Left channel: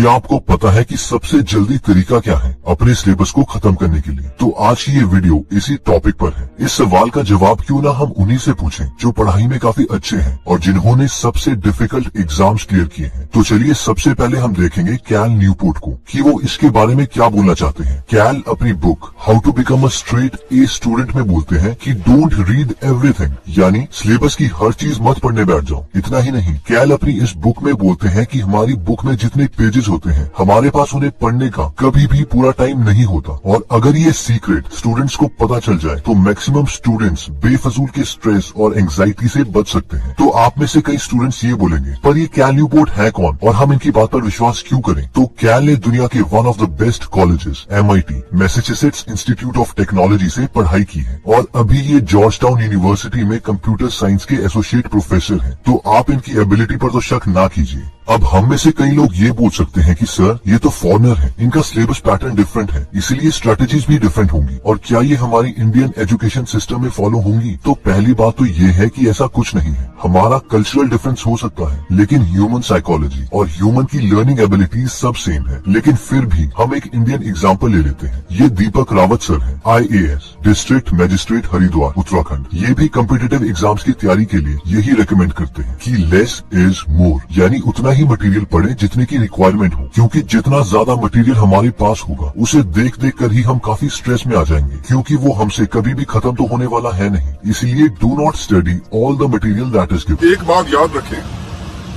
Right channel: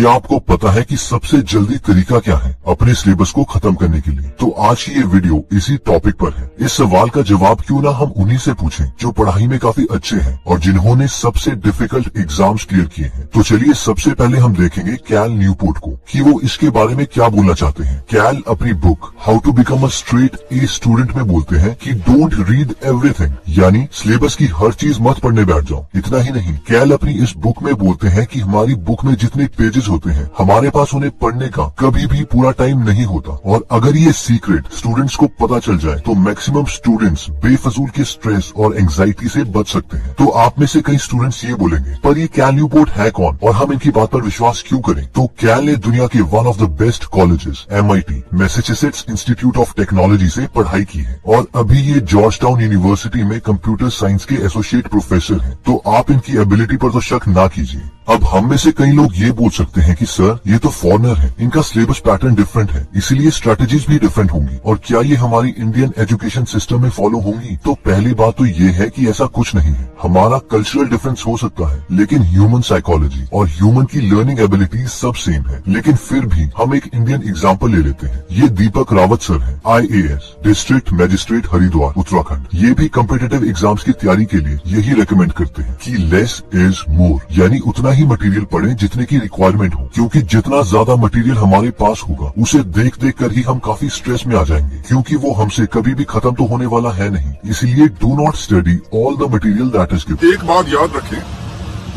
क्या आपको पता है कि सबसे जल्दी तरीका क्या है अपने सिलेबस को खत्म करने के लिए? तो आज की ये वीडियो इसी टॉपिक पर है। इस सवाल का जवाब क्यों ना हम उन्हीं से पूछें जो पढ़ाई में काफी अच्छे हैं और जिन्होंने सबसे डिफिकल्ट एग्जाम्स क्लियर किए हैं। तो चलिए सबसे पहले हम देखेंगे कैल न्यूपोर्ट को कि वो इसके बारे में क्या बोलना चाहते हैं। कैल अपनी book how to become a straight A student में बोलते हैं कि डोंट रीड एवरीथिंग, यानी सिलेबस की हर चीज मत पढ़ने बैठ जाओ। इतना ही नहीं, कैल अपनी इस बुक में बोलते हैं कि हमारी बुक में जितने पेजेस होते हैं हमारे पास उन्हें पढ़ने का कभी भी पूरा टाइम नहीं होता, और अगर ये सीक्रेट स्टूडेंट्स को पता चल जाए तो मैक्सिमम स्टूडेंट्स बेफजूल के स्ट्रेस और एंजाइटी से बच सकते हैं। तो आप में से कई स्टूडेंट्स ये बोलेंगे, पर ये कैल न्यूपोर्ट है कौन और हम इनकी बात पर विश्वास क्यों करें? तो कैल ने दुनिया के one of the best colleges MIT Massachusetts institute of technology से पढ़ाई की है और अभी ये जॉर्ज टाउन यूनिवर्सिटी में कंप्यूटर साइंस के एसोसिएट प्रोफेसर हैं। तो आप इनकी एबिलिटी पर तो शक ना कीजिए। अब हम में से कई लोग ये बोल सकते हैं कि सर ये तो फॉरेनर है, इनका सिलेबस पैटर्न डिफरेंट है, इसीलिए स्ट्रेटेजीज भी डिफरेंट होंगी, और क्या ये हमारी इंडियन एजुकेशन सिस्टम में फॉलो होंगी? तो पहली बात तो ये है कि ऐसा कुछ नहीं है। हमारा कल्चरल डिफरेंस हो सकता है, लेकिन ह्यूमन साइकोलॉजी और ह्यूमन की लर्निंग एबिलिटी सब सेम है। लेकिन फिर भी हम एक इंडियन एग्जाम्पल ले लेते हैं। ये दीपक रावत सर है, IAS district magistrate Haridwar Uttarakhand. ये भी कॉम्पिटिटिव एग्जाम्स की तैयारी के लिए यही रिकमेंड करते हैं कि लेस इज मोर, यानी उतना ही मटेरियल पढ़ें जितने की रिक्वायरमेंट हो, क्योंकि जितना ज्यादा मटेरियल हमारे पास होगा उसे देख देख कर ही हम काफी स्ट्रेस में आ जाएंगे, क्योंकि वो हमसे कभी भी खत्म तो होने वाला है नहीं। इसलिए do not study all the material that is given. एक बात याद रखें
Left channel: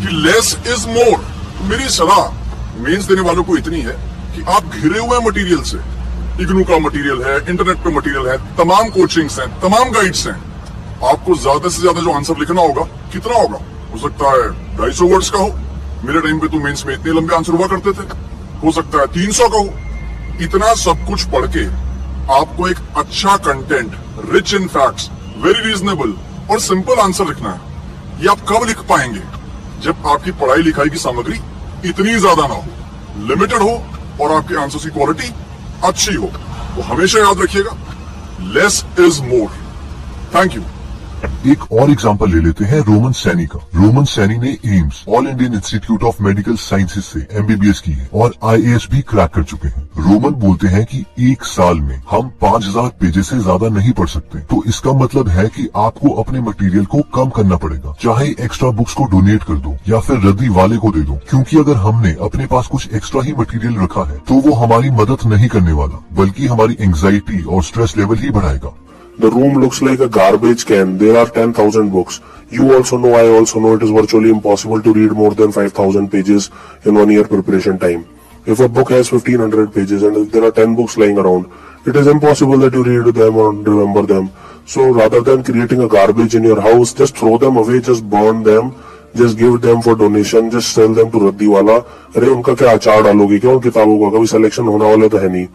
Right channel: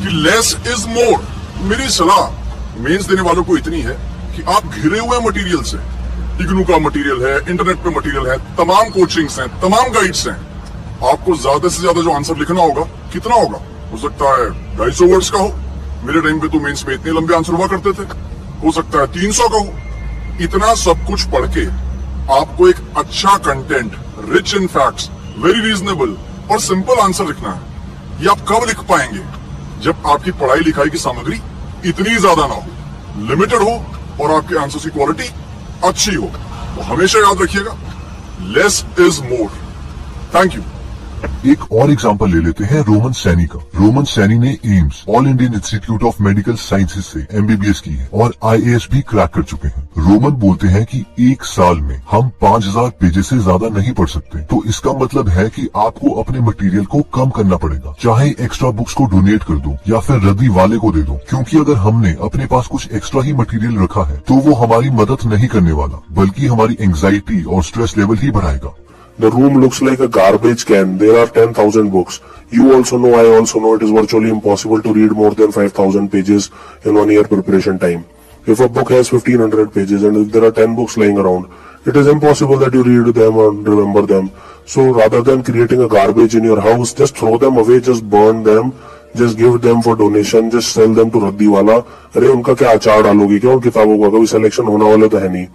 कि लेस इज मोर। मेरी सलाह मेंस देने वालों को इतनी है कि आप घिरे हुए मटेरियल से, इग्नू का मटेरियल है, इंटरनेट पे मटेरियल है, तमाम कोचिंग्स हैं, तमाम गाइड्स हैं, आपको ज्यादा से ज्यादा जो आंसर लिखना होगा कितना होगा? हो सकता है 250 वर्ड्स का हो। मेरे टाइम पे तो मेंस में इतने लंबे आंसर हुआ करते थे। हो सकता है 300 का हो। इतना सब कुछ पढ़ के आपको एक अच्छा content, rich in facts, very reasonable और सिंपल आंसर लिखना है। ये आप कब लिख पाएंगे? जब आपकी पढ़ाई लिखाई की सामग्री इतनी ज्यादा ना हो, लिमिटेड हो और आपके आंसर की क्वालिटी अच्छी हो। तो हमेशा याद रखिएगा, less is more. Thank you. एक और एग्जांपल ले लेते हैं रोमन सैनी का। रोमन सैनी ने AIIMS all Indian institute of medical sciences से MBBS की है और IAS भी क्रैक कर चुके हैं। रोमन बोलते हैं कि एक साल में हम 5000 पेजेस से ज्यादा नहीं पढ़ सकते। तो इसका मतलब है कि आपको अपने मटेरियल को कम करना पड़ेगा, चाहे एक्स्ट्रा बुक्स को डोनेट कर दो या फिर रद्दी वाले को दे दो, क्योंकि अगर हमने अपने पास कुछ एक्स्ट्रा ही मटेरियल रखा है तो वो हमारी मदद नहीं करने वाला, बल्कि हमारी एंग्जाइटी और स्ट्रेस लेवल ही बढ़ाएगा। The room looks like a garbage can. There are 10,000 books. You also know, I also know, it is virtually impossible to read more than 5,000 pages in 1 year preparation time. If a book has 1,500 pages and if there are 10 books lying around, it is impossible that you read them or remember them. So rather than creating a garbage in your house, just throw them away, just burn them, just give them for donation, just sell them to रद्दी वाला। अरे उनका क्या अचार डालोगे क्या उन किताबों का? कभी सिलेक्शन होने वाला तो है नहीं।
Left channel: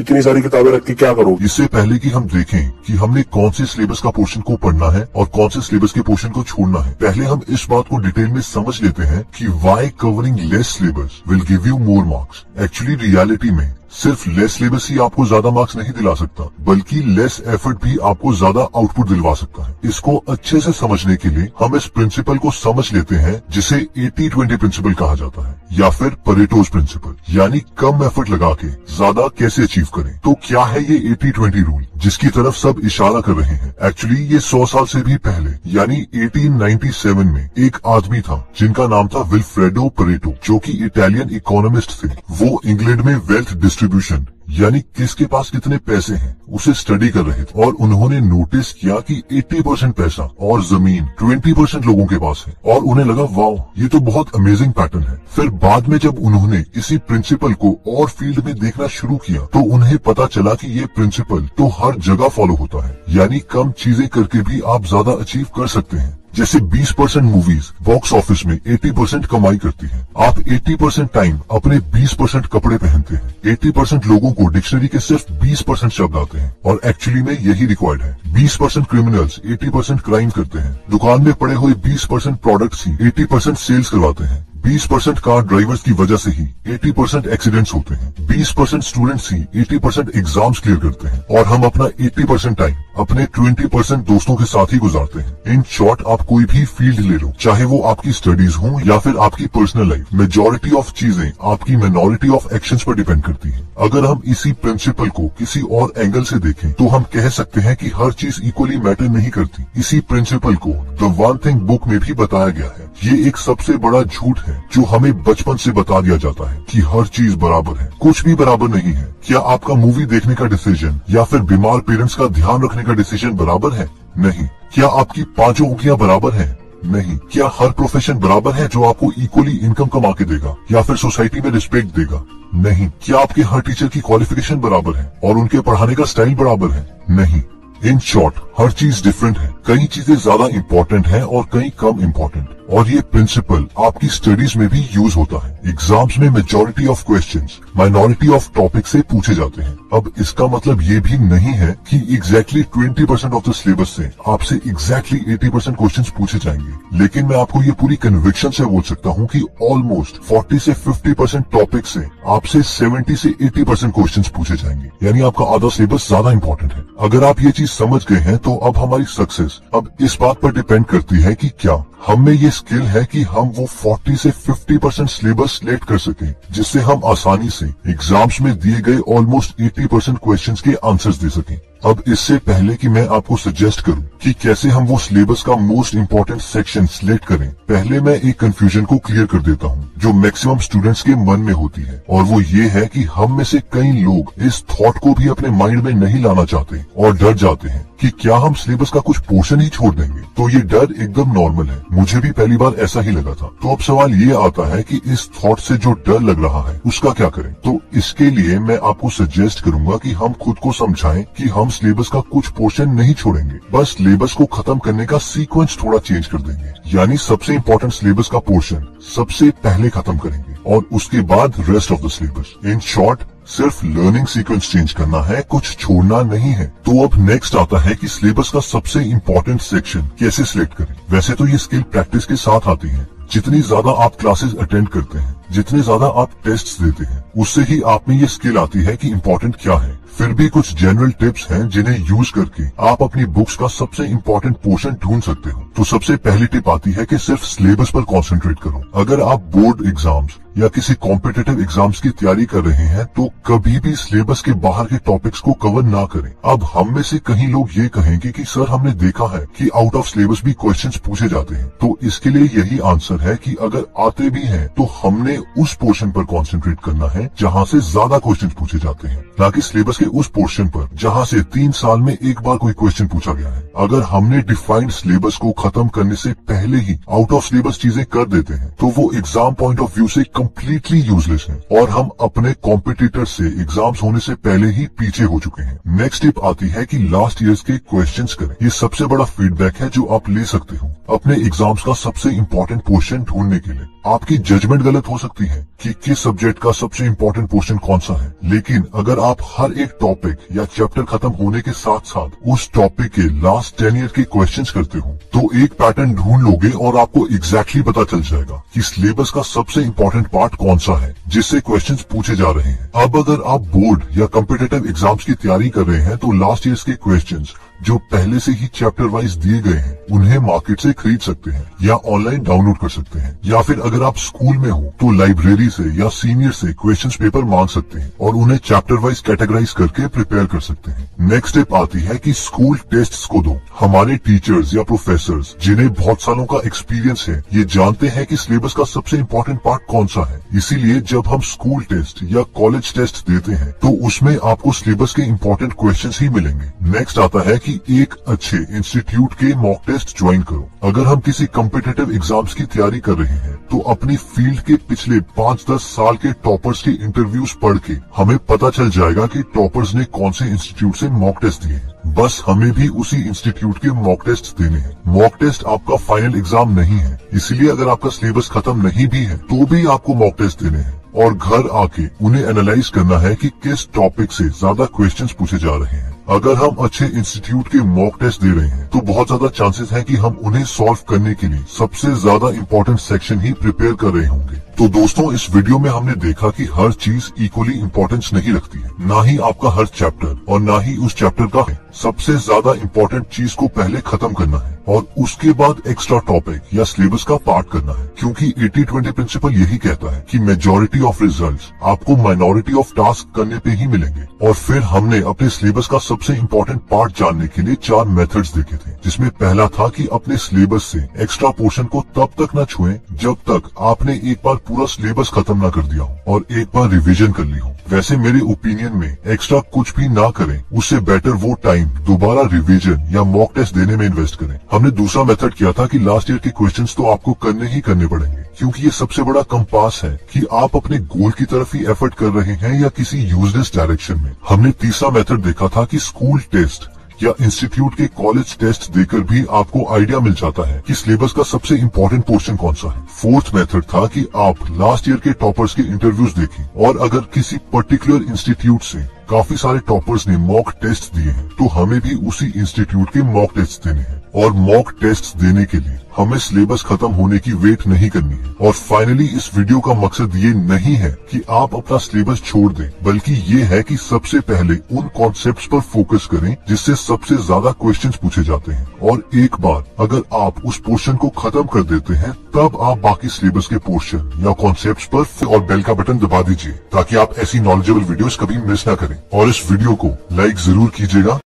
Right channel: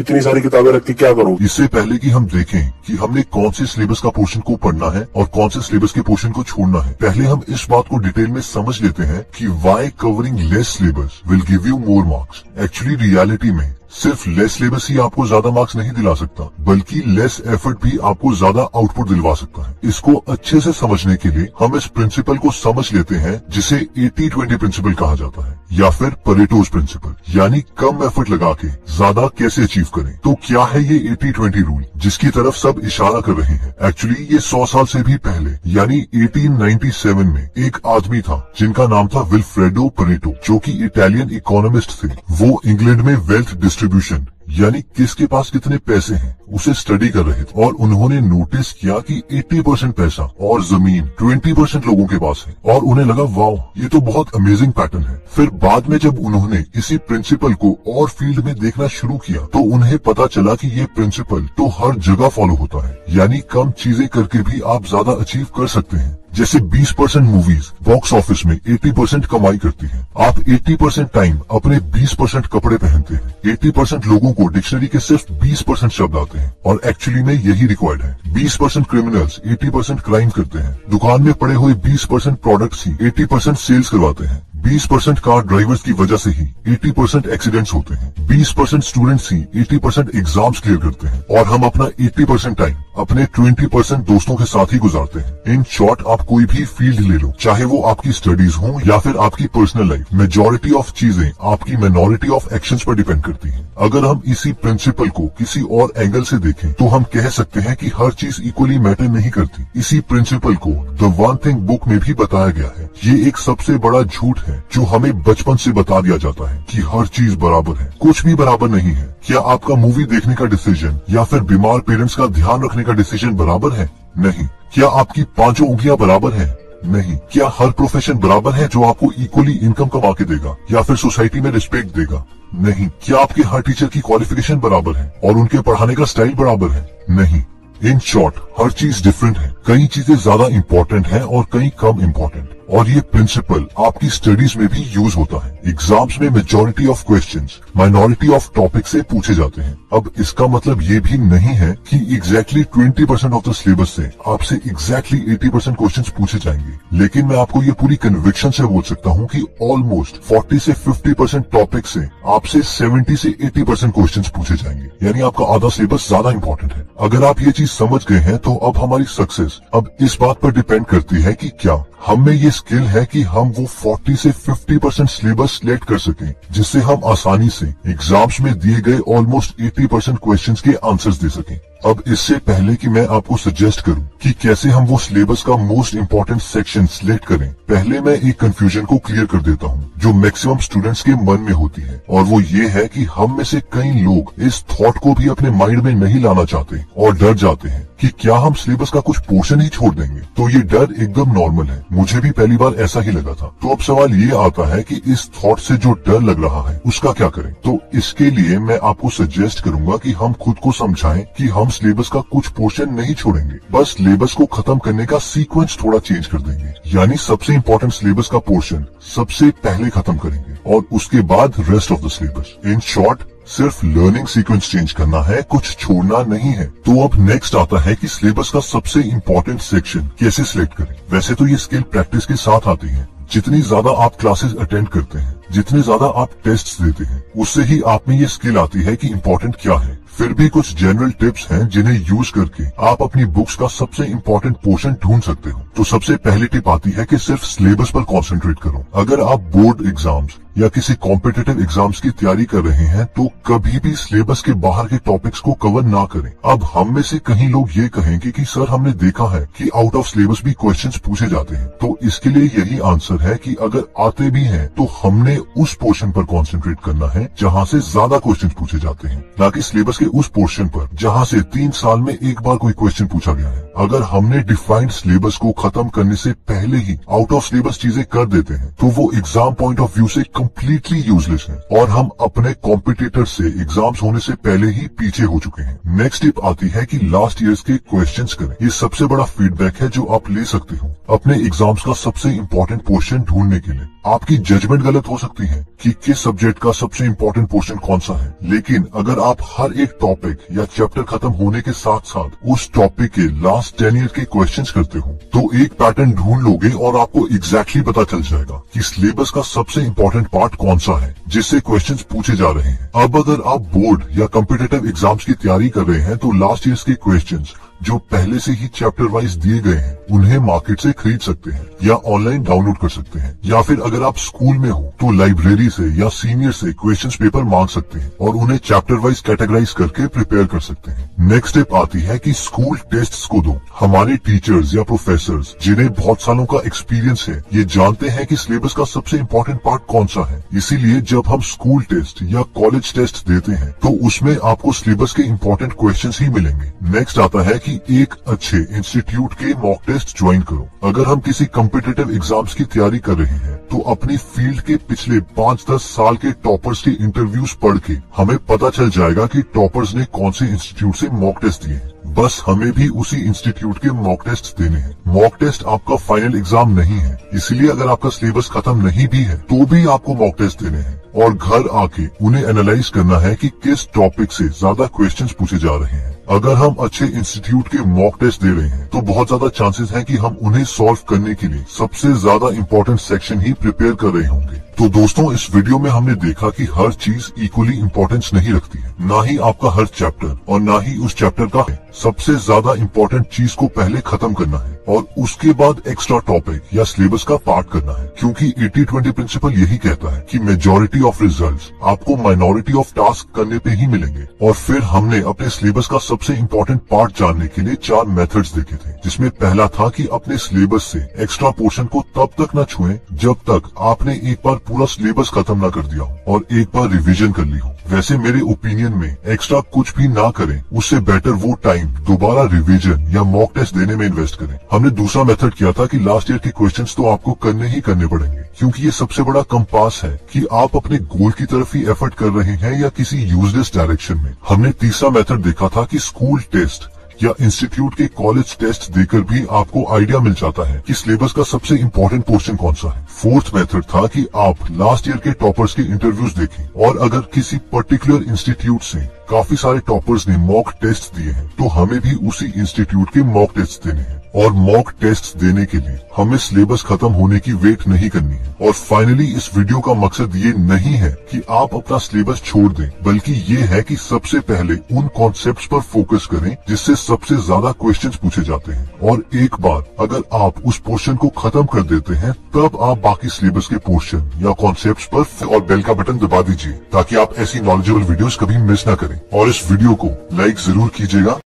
इतनी सारी किताबें रख के क्या करोगे? इससे पहले कि हम देखें कि हमने कौन से सिलेबस का पोर्शन को पढ़ना है और कौन से सिलेबस के पोर्शन को छोड़ना है, पहले हम इस बात को डिटेल में समझ लेते हैं कि why covering less syllabus will give you more marks. Actually reality में सिर्फ लेस सिलेबस ही आपको ज्यादा मार्क्स नहीं दिला सकता, बल्कि लेस एफर्ट भी आपको ज्यादा आउटपुट दिलवा सकता है। इसको अच्छे से समझने के लिए हम इस प्रिंसिपल को समझ लेते हैं जिसे 80-20 प्रिंसिपल कहा जाता है, या फिर परेटोज प्रिंसिपल, यानी कम एफर्ट लगा के ज्यादा कैसे अचीव करें। तो क्या है ये 80-20 रूल जिसकी तरफ सब इशारा कर रहे हैं? एक्चुअली ये 100 साल से भी पहले यानी 1897 में एक आदमी था जिनका नाम था विल्फ्रेडो परेटो, जो कि इटालियन इकोनॉमिस्ट थे। वो इंग्लैंड में वेल्थ डिस्ट्रीब्यूशन यानी किसके पास कितने पैसे हैं उसे स्टडी कर रहे थे, और उन्होंने नोटिस किया कि 80% पैसा और जमीन 20% लोगों के पास है, और उन्हें लगा वाओ ये तो बहुत अमेजिंग पैटर्न है। फिर बाद में जब उन्होंने इसी प्रिंसिपल को और फील्ड में देखना शुरू किया तो उन्हें पता चला कि ये प्रिंसिपल तो हर जगह फॉलो होता है, यानी कम चीजें करके भी आप ज्यादा अचीव कर सकते हैं। जैसे 20% मूवीज बॉक्स ऑफिस में 80% कमाई करती हैं। आप 80% टाइम अपने 20% कपड़े पहनते हैं। 80% लोगों को डिक्शनरी के सिर्फ 20% शब्द आते हैं, और एक्चुअली में यही रिक्वायर्ड है। 20% क्रिमिनल्स 80% क्राइम करते हैं। दुकान में पड़े हुए 20% प्रोडक्ट्स ही 80% सेल्स करवाते हैं। 20% कार ड्राइवर्स की वजह से ही 80% एक्सीडेंट्स होते हैं। 20% स्टूडेंट्स ही 80% एग्जाम्स क्लियर करते हैं और हम अपना 80% टाइम अपने 20% दोस्तों के साथ ही गुजारते हैं। इन शॉर्ट, आप कोई भी फील्ड ले लो, चाहे वो आपकी स्टडीज हो या फिर आपकी पर्सनल लाइफ, मेजॉरिटी ऑफ चीजें आपकी माइनॉरिटी ऑफ एक्शंस पर डिपेंड करती है। अगर हम इसी प्रिंसिपल को किसी और एंगल से देखें तो हम कह सकते हैं कि हर चीज इक्वली मैटर नहीं करती। इसी प्रिंसिपल को द वन थिंग बुक में भी बताया गया है। ये एक सबसे बड़ा झूठ है जो हमें बचपन से बता दिया जाता है कि हर चीज बराबर है। कुछ भी बराबर नहीं है। क्या आपका मूवी देखने का डिसीजन या फिर बीमार पेरेंट्स का ध्यान रखने का डिसीजन बराबर है? नहीं। क्या आपकी 5 उंगलियां बराबर हैं? नहीं। क्या हर प्रोफेशन बराबर है जो आपको इक्वली इनकम कमा के देगा या फिर सोसाइटी में रिस्पेक्ट देगा? नहीं। क्या आपके हर टीचर की क्वालिफिकेशन बराबर है और उनके पढ़ाने का स्टाइल बराबर है? नहीं। इन शॉर्ट, हर चीज डिफरेंट है। कई चीजें ज्यादा इम्पोर्टेंट हैं और कई कम इम्पोर्टेंट, और ये प्रिंसिपल आपकी स्टडीज में भी यूज होता है। एग्जाम्स में majority of questions minority of topic से पूछे जाते हैं। अब इसका मतलब ये भी नहीं है कि एग्जैक्टली 20% ऑफ द सिलेबस से आपसे एग्जैक्टली 80% क्वेश्चंस पूछे जाएंगे, लेकिन मैं आपको ये पूरी कन्विक्शन से बोल सकता हूँ कि ऑलमोस्ट 40 से 50% टॉपिक से आपसे 70 से 80% क्वेश्चंस पूछे जाएंगे। यानी आपका आधा सिलेबस ज्यादा इंपॉर्टेंट है। अगर आप ये चीज समझ गए हैं तो अब हमारी सक्सेस अब इस बात पर डिपेंड करती है कि क्या हम में ये स्किल है कि हम वो 40 से 50% सिलेबस सिलेक्ट कर सकें, जिससे हम आसानी से एग्जाम्स में दिए गए ऑलमोस्ट 80% क्वेश्चंस के आंसर्स दे सकें। अब इससे पहले कि मैं आपको सजेस्ट करूं कि कैसे हम वो सिलेबस का मोस्ट इम्पोर्टेंट सेक्शन सिलेक्ट करें, पहले मैं एक कंफ्यूजन को क्लियर कर देता हूं जो मैक्सिमम स्टूडेंट्स के मन में होती है, और वो ये है कि हम में से कई लोग इस थॉट को भी अपने माइंड में नहीं लाना चाहते और डर जाते हैं कि क्या हम सिलेबस का कुछ पोर्शन ही छोड़ देंगे। तो ये डर एकदम नॉर्मल है। मुझे भी पहली बार ऐसा ही लगा था। तो अब सवाल ये आता है कि इस थॉट से जो डर लग रहा है उसका क्या करें। तो इसके लिए मैं आपको सजेस्ट करूंगा कि हम खुद को समझाएं कि हम सिलेबस का कुछ पोर्शन नहीं छोड़ेंगे, बस सिलेबस को खत्म करने का सीक्वेंस थोड़ा चेंज कर देंगे। यानी सबसे इम्पोर्टेंट सिलेबस का पोर्शन सबसे पहले खत्म करेंगे और उसके बाद rest of the syllabus. In short, सिर्फ लर्निंग सीक्वेंस चेंज करना है, कुछ छोड़ना नहीं है। तो अब नेक्स्ट आता है कि सिलेबस का सबसे इम्पोर्टेंट सेक्शन कैसे सिलेक्ट करें। वैसे तो ये स्किल प्रैक्टिस के साथ आती है। जितनी ज्यादा आप क्लासेस अटेंड करते हैं, जितने ज्यादा आप टेस्ट्स देते हैं, उससे ही आप में ये स्किल आती है कि इम्पोर्टेंट क्या है। फिर भी कुछ जनरल टिप्स हैं जिन्हें यूज करके आप अपनी बुक्स का सबसे इम्पोर्टेंट पोर्शन ढूंढ सकते हो। तो सबसे पहली टिप आती है कि सिर्फ सिलेबस पर कंसंट्रेट करो। अगर आप बोर्ड एग्जाम्स या किसी कॉम्पिटिटिव एग्जाम्स की तैयारी कर रहे हैं तो कभी भी सिलेबस के बाहर के टॉपिक्स को कवर ना करें। अब हम में से कहीं लोग ये कहेंगे कि सर, हमने देखा है कि आउट ऑफ सिलेबस भी क्वेश्चंस पूछे जाते हैं। तो इसके लिए यही आंसर है कि अगर आते भी हैं तो हमने उस पोर्शन पर कंसंट्रेट करना है जहां से ज्यादा क्वेश्चंस पूछे जाते हैं, ना कि सिलेबस के उस पोर्शन पर जहां से 3 साल में एक बार कोई क्वेश्चन पूछा गया है। अगर हमने डिफाइंड सिलेबस को खत्म करने से पहले ही आउट ऑफ सिलेबस चीजें कर देते हैं तो वो एग्जाम पॉइंट ऑफ व्यू से कम्प्लीटली यूजलेस है और हम अपने कॉम्पिटिटर से एग्जाम्स होने से पहले ही पीछे हो चुके हैं। नेक्स्ट टिप आती है कि लास्ट ईयर्स के क्वेश्चंस करें। ये सबसे बड़ा फीडबैक है जो आप ले सकते हो अपने एग्जाम्स का सबसे इम्पोर्टेंट पोर्शन ढूंढने के लिए। आपकी जजमेंट गलत हो सकती है कि किस सब्जेक्ट का सबसे इम्पोर्टेंट पोर्शन कौन सा है, लेकिन अगर आप हर एक टॉपिक या चैप्टर खत्म होने के साथ साथ उस टॉपिक के लास्ट 10 ईयर के क्वेश्चंस करते हो तो एक पैटर्न ढूंढ लोगे और आपको एग्जैक्टली पता चल जाएगा कि सिलेबस का सबसे इम्पोर्टेंट पार्ट कौन सा है जिससे क्वेश्चंस पूछे जा रहे हैं। अब अगर आप बोर्ड या कॉम्पिटिटिव एग्जाम्स की तैयारी कर रहे हैं तो लास्ट ईयर्स के क्वेश्चंस जो पहले से ही चैप्टर वाइज दिए गए हैं उन्हें मार्केट से खरीद सकते हैं या ऑनलाइन डाउनलोड कर सकते हैं, या फिर अगर आप स्कूल में हो तो लाइब्रेरी से या सीनियर से क्वेश्चंस पेपर मांग सकते हैं और उन्हें चैप्टर वाइज कैटेगराइज करके प्रिपेयर कर सकते हैं। नेक्स्ट टिप आती है कि स्कूल टेस्ट्स को दो। हमारे टीचर्स या प्रोफेसर्स जिन्हें बहुत सालों का एक्सपीरियंस है ये जानते हैं कि सिलेबस का सबसे इम्पोर्टेंट पार्ट कौन सा है। इसीलिए जब हम स्कूल टेस्ट या कॉलेज टेस्ट देते हैं तो उसमें आपको सिलेबस के इम्पोर्टेंट क्वेश्चंस ही मिलेंगे। नेक्स्ट आता है कि एक अच्छे इंस्टीट्यूट के मॉक टेस्ट ज्वाइन करो। अगर हम किसी कॉम्पिटिटिव एग्जाम्स की तैयारी कर रहे हैं तो अपनी फील्ड के पिछले 5-10 साल के टॉपर्स के इंटरव्यूज पढ़ के हमें पता चल जाएगा कि टॉपर्स ने कौन से इंस्टीट्यूट से मॉक टेस्ट दिए। बस हमें भी उसी इंस्टीट्यूट के मॉक टेस्ट देने हैं। मॉक टेस्ट आपका फाइनल एग्जाम नहीं है, इसलिए अगर आपका सिलेबस खत्म नहीं भी है तो भी आपको मॉक टेस्ट देने हैं और घर आके उन्हें एनालाइज करना है कि किस टॉपिक से ज्यादा क्वेश्चंस पूछे जा रहे हैं। अगर हम अच्छे इंस्टीट्यूट के मॉक टेस्ट दे रहे हैं तो बहुत ज्यादा चांसेस है कि हम उन्हें सॉल्व करने के लिए सबसे ज्यादा इम्पोर्टेंट सेक्शन ही प्रिपेयर कर रहे होंगे। तो दोस्तों, इस वीडियो में हमने देखा कि हर चीज इक्वली इम्पोर्टेंस नहीं रखती है, ना ही आपका हर चैप्टर और ना ही उस चैप्टर का है। सबसे ज्यादा इम्पोर्टेंट चीज को पहले खत्म करना है और उसके बाद एक्स्ट्रा टॉपिक या सिलेबस का पार्ट करना है, क्योंकि 80-20 प्रिंसिपल यही कहता है कि मेजॉरिटी ऑफ रिजल्ट्स आपको माइनॉरिटी ऑफ टास्क करने पे ही मिलेंगे। और फिर हमने अपने सिलेबस का सबसे इम्पोर्टेंट पार्ट जानने के लिए 4 मेथड्स देखे थे, जिसमें पहला था कि अपने सिलेबस से एक्स्ट्रा पोर्शन को तब तक न छुएं जब तक आपने एक बार पूरा सिलेबस खत्म न कर दिया हो और एक बार रिवीजन कर ली हो। वैसे मेरे ओपिनियन में एक्स्ट्रा कुछ भी ना करें, उससे बेटर वो टाइम दोबारा रिवीजन या मॉक टेस्ट देने में इन्वेस्ट करें। हमने दूसरा मेथड किया था कि लास्ट ईयर के क्वेश्चंस तो आपको करने ही करने पड़ेंगे, क्योंकि ये सबसे बड़ा कंपास है कि आप अपने गोल की तरफ ही एफर्ट कर रहे हैं या किसी यूजलेस डायरेक्शन में। हमने तीसरा मेथड देखा था कि स्कूल टेस्ट या इंस्टीट्यूट के कॉलेज टेस्ट देकर भी आपको आइडिया मिल जाता है कि सिलेबस का सबसे इम्पोर्टेंट पोर्शन कौन सा है। फोर्थ मेथड था कि आप लास्ट ईयर के टॉपर्स के इंटरव्यूज देखें और अगर किसी पर्टिकुलर इंस्टीट्यूट से काफी सारे टॉपर्स ने मॉक टेस्ट दिए हैं तो हमें भी उसी इंस्टीट्यूट के मॉक टेस्ट देने हैं। और मॉक टेस्ट देने के लिए हमें सिलेबस खत्म होने की वेट नहीं करनी है। और फाइनली इस वीडियो का मकसद ये नहीं है कि आप अपना सिलेबस छोड़ दें, बल्कि ये है कि सबसे पहले उन कॉन्सेप्ट्स पर फोकस करें जिससे सबसे ज्यादा क्वेश्चंस पूछे जाते हैं। और एक बार अगर आप उस पोर्शन को खत्म कर देते हैं तब आप बाकी सिलेबस के पोर्शन या कॉन्सेप्ट्स पर और बेल का बटन दबा दीजिए, ताकि आप ऐसी नॉलेजेबल वीडियोस कभी मिस ना करें। और इस वीडियो को लाइक जरूर कीजिएगा।